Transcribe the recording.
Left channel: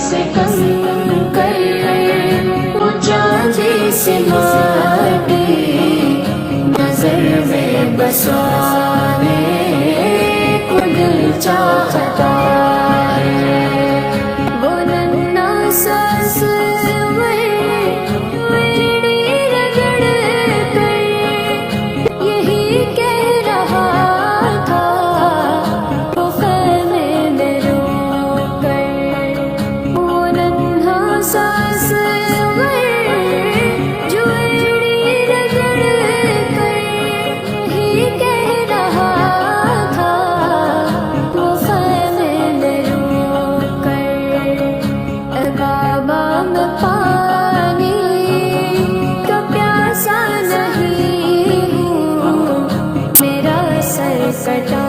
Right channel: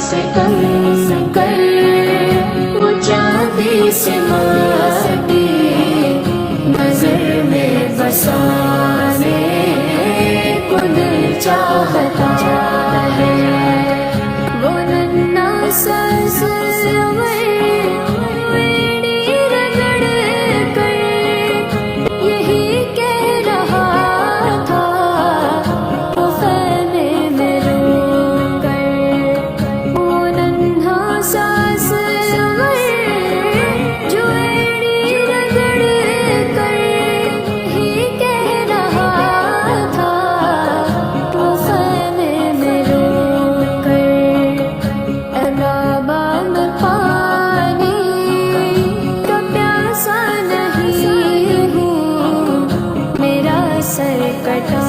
سے کنکر وہ چاندی سے ماٹی نظر میں بسانے کو دل چاہتا ہے۔ وہ ننھا سا ویڑی رگڑ کر یہی کہہ رہا تھا وہ خیمے میں رو کر۔ وہ ننھا سا جو ایڑی رگڑ کر یہی کہہ رہا تھا وہ خیمے میں رو کر۔ اے بابا میں پانی کا پیاسا نہیں ہوں، میرا سر کٹا